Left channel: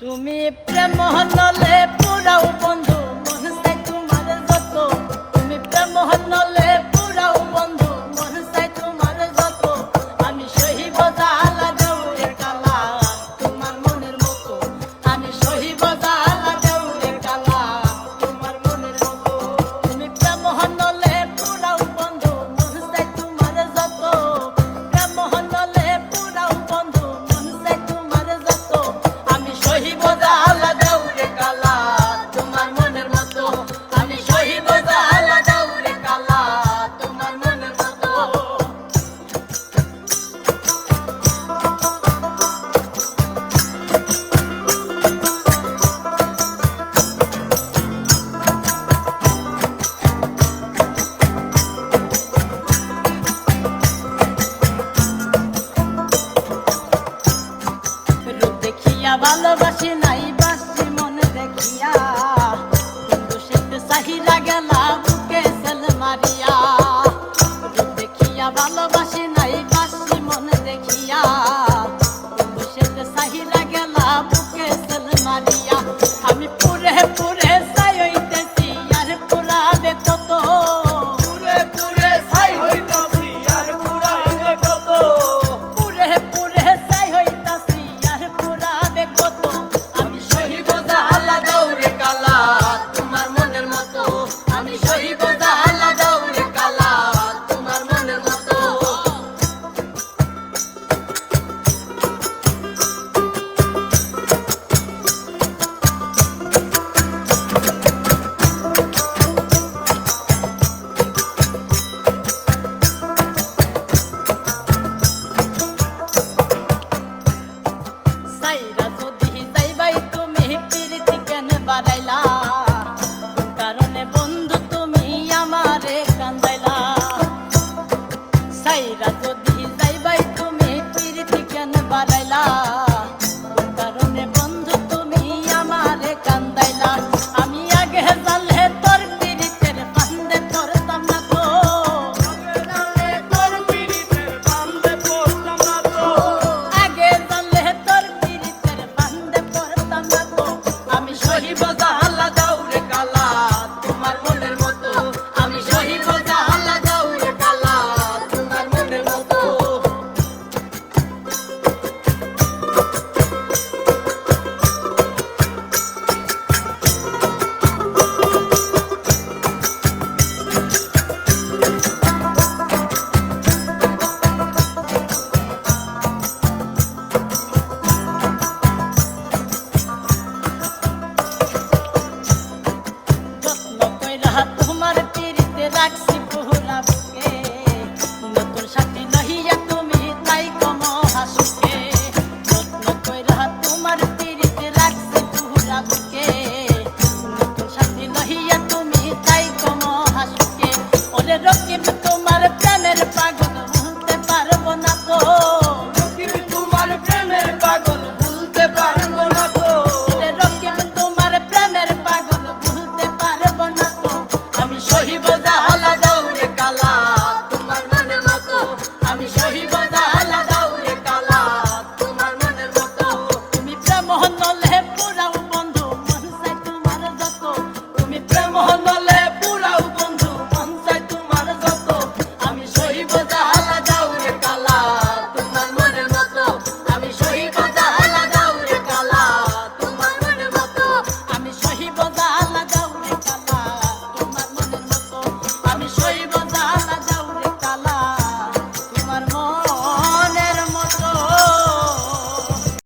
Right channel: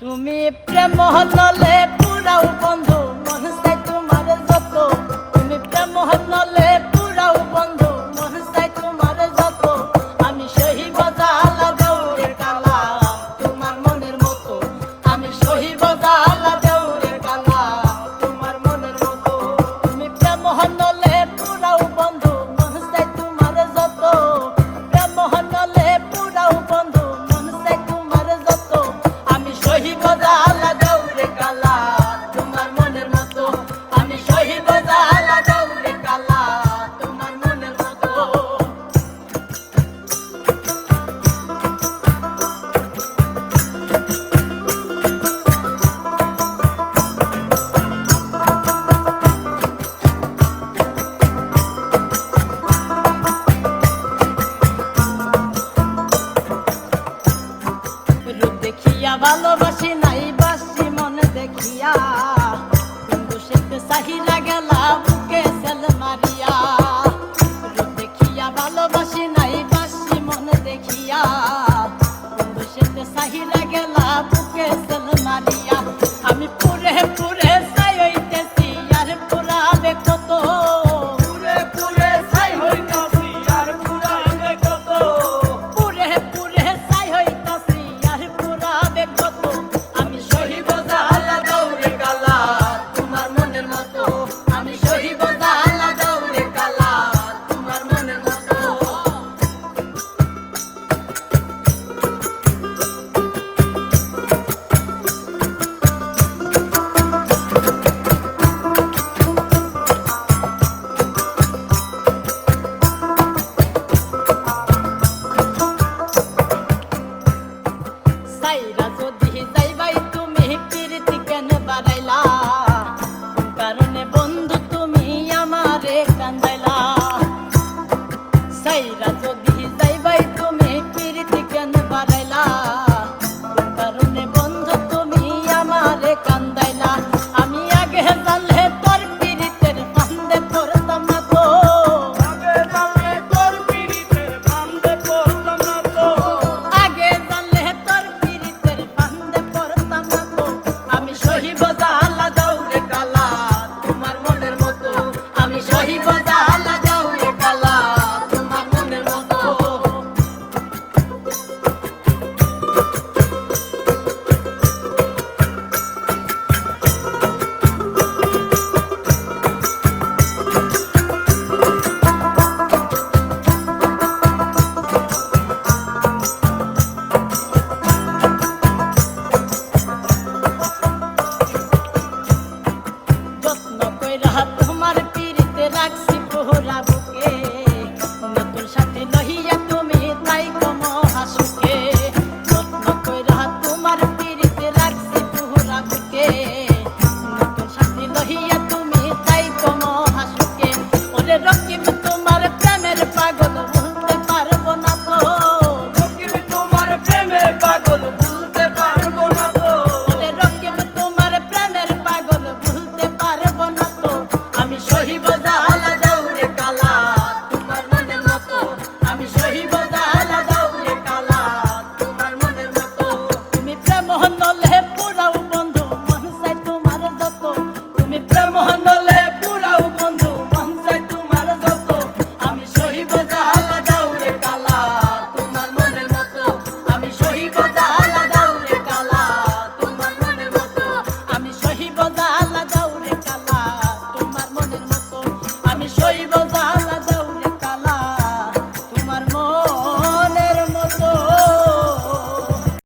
তুমি প্রেম হলে পুরাও বন্ধু মন চাই তোমার যত, তুমি প্রেম হলে পুরাও বন্ধু মন চাই তোমার যত, আমি সহিব জালা দেউরে কালা তোমার মনের মতো, আমি সহিব জালা দেউরে কালা তোমার মনের মতো। তুমি প্রেম হলে পুরাও বন্ধু মন চাই তোমার যত, প্রেম হলে পুরাও বন্ধু মন চাই তোমার যত, আমি সহিব জালা দেউরে কালা তোমার মনের মতো, আমি সহিব জালা দেউরে কালা তোমার মনের মতো। রূপ দেখিয়া ভালোবাসি নাই বাসি মনে দেখিয়া, কিন্তু সে চাহিদা গেলা বুকে ছেলে মারিয়া।